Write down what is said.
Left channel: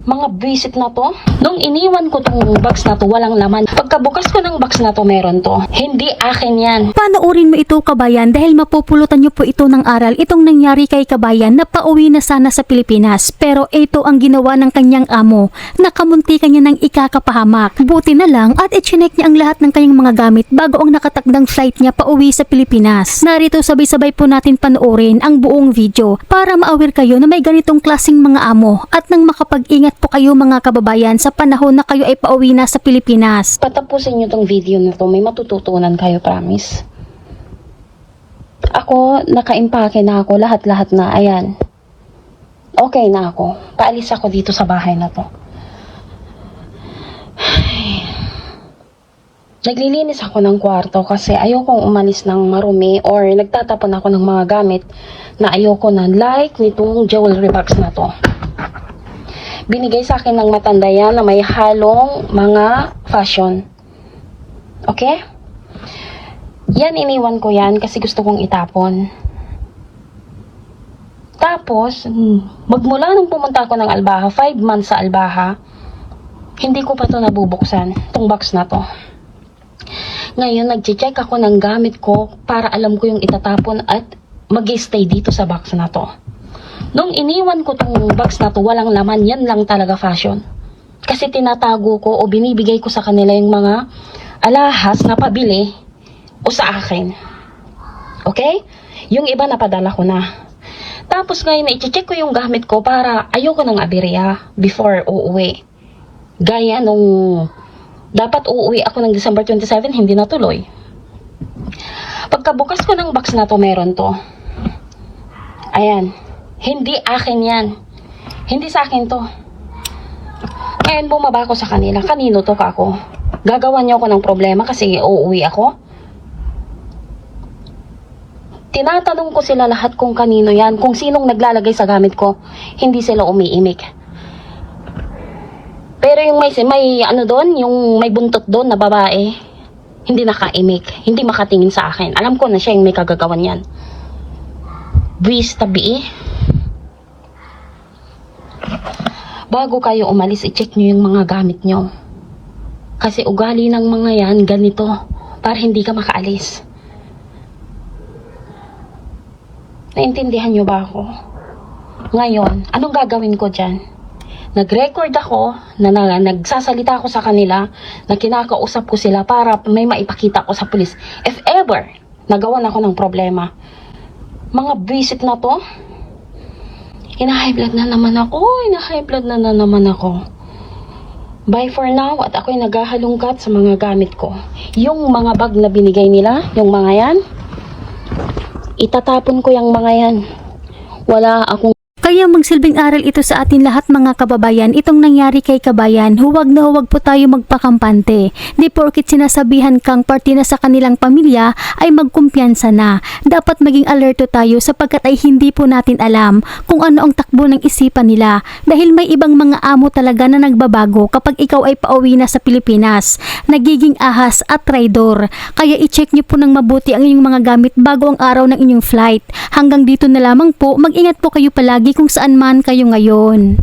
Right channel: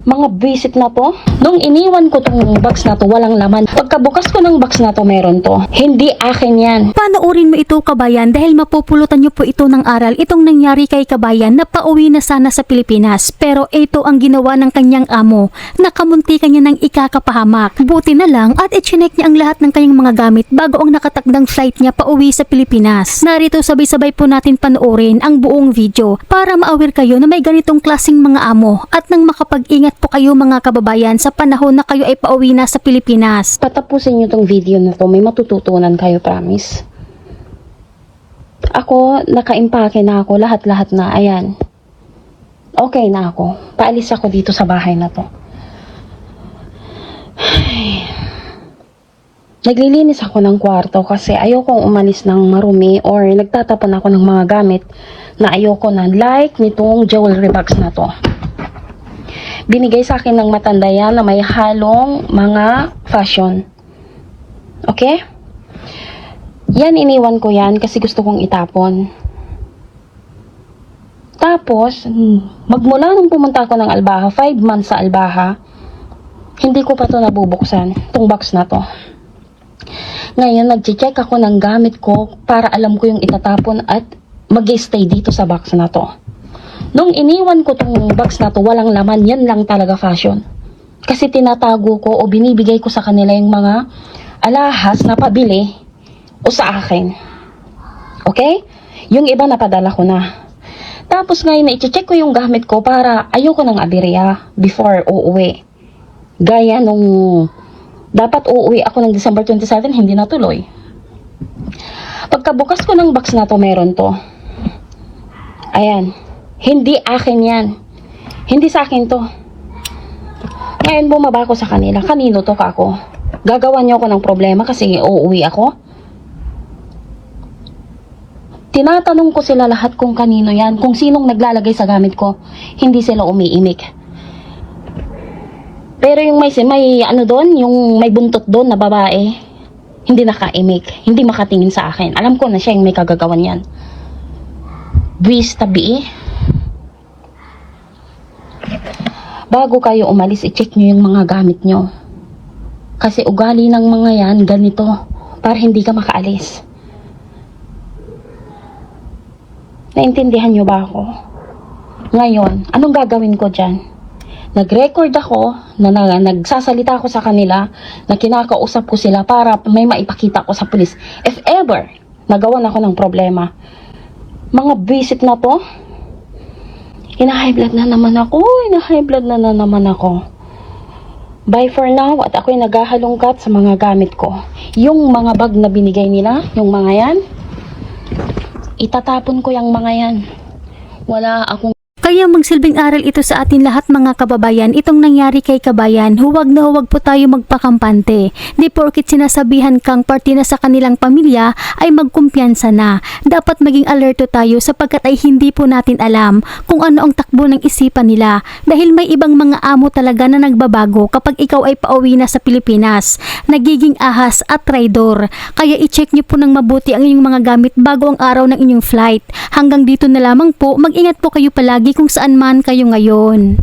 Mga basic na to. Nung iniwan ko tong box na to, walang laman. Pagkabukas ko ng box na to, meron to. Hindi akin yan. Panoorin mo ito, kabayan, dahil mapupulutan niyo po ito ng aral. Itong nangyari kay kabayan na pauwi na sana sa Pilipinas. Pero ito ang ginawa ng kanyang amo. Nakamunti kanya ng ikakapahamak. Buti na lang at i-check niya ang lahat ng kanyang mga gamit bago ang nakatakdang flight niya pauwi sa Pilipinas. Narito sabay-sabay po natin panoorin ang buong video para ma-aware kayo na may ganitong klaseng mga amo at nang makapag-ingat po kayo mga kababayan sa panahon na kayo ay pauwi na sa Pilipinas. Patapusin nyo tong video na to, may matututunan kayo, promise. Ako, naka-impake na ako, lahat-lahat na, ayan. Okay na ako. Paalis ako dito sa bahay na to. Naglilinis ako ng kwarto kasi ayokong umalis ng marumi or nagtatapon ako ng mga gamit na ayoko na, like nitong jewelry box na to. Binigay sa akin ng matanda yan na may halong mga fashion. Okay? Yan, iniwan ko yan kasi gusto kong itapon. Tapos, magmula nung pumunta ako ng Albaha, 5 months sa Albaha, hindi ko pa to nabubuksan, itong box na to. Ngayon, nag-check ako ng gamit ko para alam ko yung itatapon at mag-stay dito sa box na to. Nung iniwan ko itong box na to, walang laman, yan lang talaga fashion. Kasi tinatago ko o binibigay ko sa kanila yung mga alahas na pabili o sa akin. Okay? Yung iba napadala ko na. Tapos ngayon na i-check ko yung gamit ko para ayoko ng aberya before uuwi. Gaya nung dapat uuwi ako ng December 27, hindi natuloy. Pagkabukas ko ng box na to, meron to. Ayan. Hindi akin yan. Hindi sa akin to. Ngayon bumaba ako sa kanila. Kanino to ka ako? Gagawan niyo ako ng problema kasi uuwi ako. Tinatanong ko sila lahat kung kanino yan. Kung sinong naglalagay sa gamit ko. Hindi sila umiimik. Pero yung may ano doon, yung may buntot doon na babae, hindi nakaimik. Hindi makatingin sa akin. Alam ko na siya yung may kagagawan yan. Buwis tabi eh. Bago kayo umalis, i-check nyo yung mga gamit nyo. Kasi ugali ng mga yan, ganito. Para hindi ka makaalis. Naintindihan nyo ba ako? Ngayon, anong gagawin ko dyan? Nag-record ako, nagsasalita ako sa kanila, na kinakausap ko sila para may maipakita ko sa pulis. If ever, nagawan ako ng problema. Mga visit na to, high blood na naman ako. High blood na naman ako. Bye for now. At ako'y naghahalongkat sa mga gamit ko. Yung mga bag na binigay nila, yung mga yan, itatapon ko yung mga yan. Wala akong Kaya magsilbing aral ito sa atin lahat mga kababayan. Itong nangyari kay kabayan, huwag na huwag po tayo magpakampante. Di porkit sinasabihan kang parte na sa kanilang pamilya ay magkumpiyansa na. Dapat maging alerto tayo sapagkat ay hindi po natin alam kung ano ang takbo ng isipan nila. Dahil may ibang mga amo talaga na nagbabago kapag ikaw ay pauwi na sa Pilipinas. Nagiging ahas at traidor. Kaya i-check nyo po ng mabuti ang inyong mga gamit bago ang araw ng inyong flight. Hanggang dito na lamang po, mag-ingat po kayo palagi kung saan man kayo ngayon.